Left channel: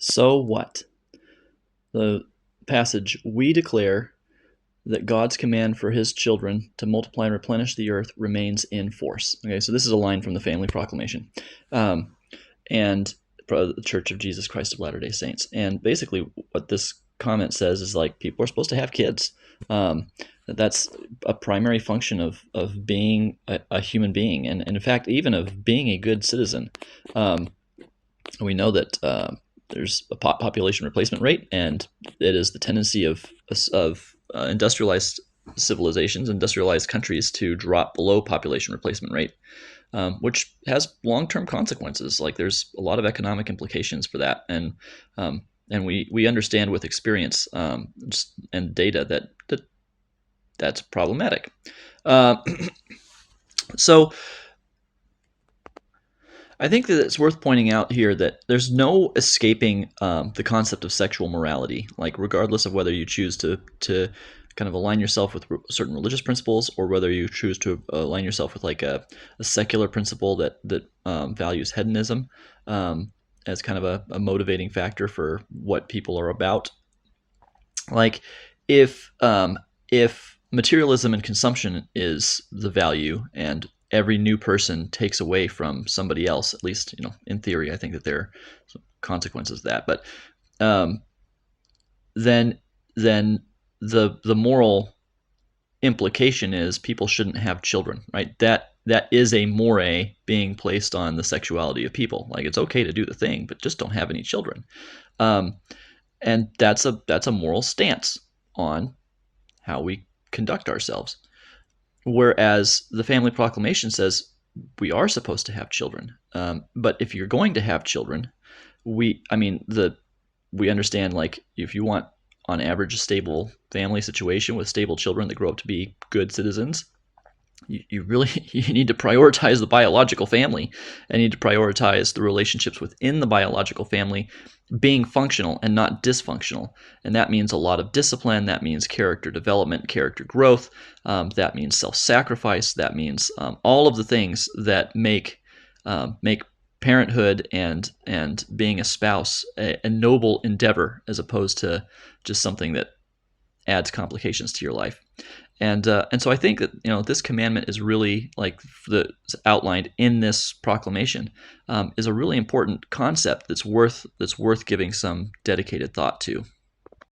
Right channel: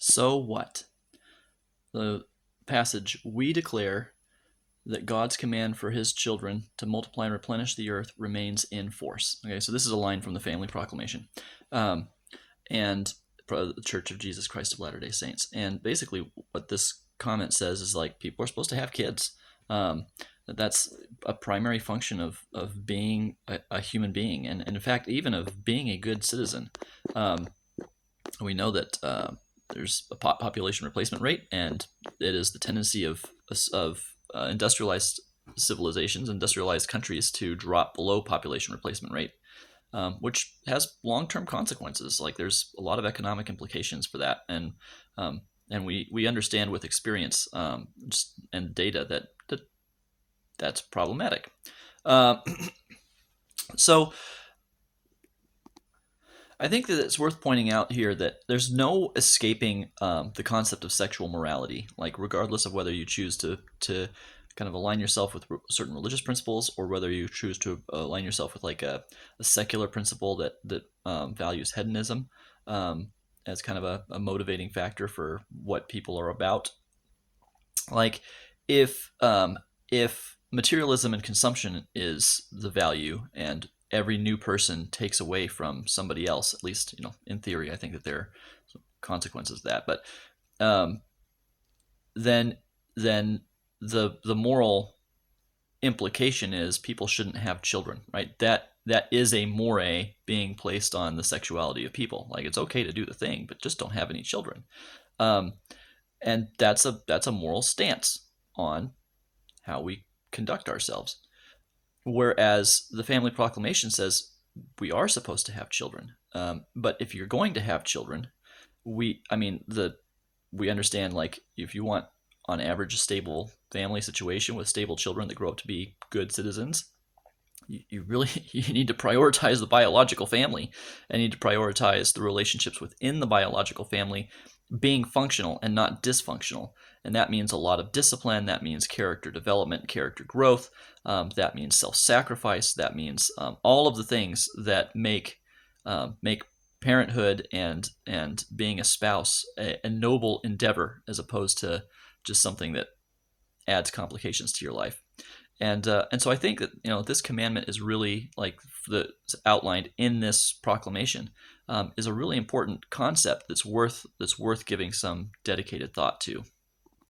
So what? The passage, we declare that God's command for his children to multiply and replenish the earth remains in force. Okay, so this is a line from the Family Proclamation. And the Church of Jesus Christ of Latter-day Saints. And basically what this comment says is like people are supposed to have kids. That's a primary function of being a human being, and in fact, even of being a good citizen. We know that there's a population replacement rate, and it is the tendency of industrialized civilizations, industrialized countries, to drop below population replacement rate, which has long-term consequences. Like there's a lot of economic implications for that, and we understand with experience and data that's problematic. Uh, so I think that it's worth pointing out here that there's no escaping the concept of sexual morality. Like regardless of whether you choose to kind of align yourself with certain religious principles, or whether you choose to align yourself with like a secular principle that values hedonism as kind of a motivating factor for what people are about. Like if materialism and consumption is the value, and every new person takes away from somebody else, at least in theory, I think that there are some consequences of that. But um, then the moral implication is people shouldn't have children, right? That is a more being placed on the sexuality of people. Like it's okay to do the thing, but just don't have any children. Um, and that's a moral stance on how we conduct ourselves. Whereas the Family Proclamation says we are supposed to have children, but if you're going to have children, we understand, like, if you want on average a stable family situation with stable children that grow up to be good citizens, you really you need to prioritize the biological family, and need to prioritize the relationships within the biological family being functional and not dysfunctional. And that means a lot of discipline. That means character development, character growth. That means self-sacrifice. That means all of the things that make parenthood and being a spouse a noble endeavor, as opposed to just something that adds complications to your life. And so I think that this commandment is really, like, outlined in this proclamation, is a really important concept that's worth giving some dedicated thought to.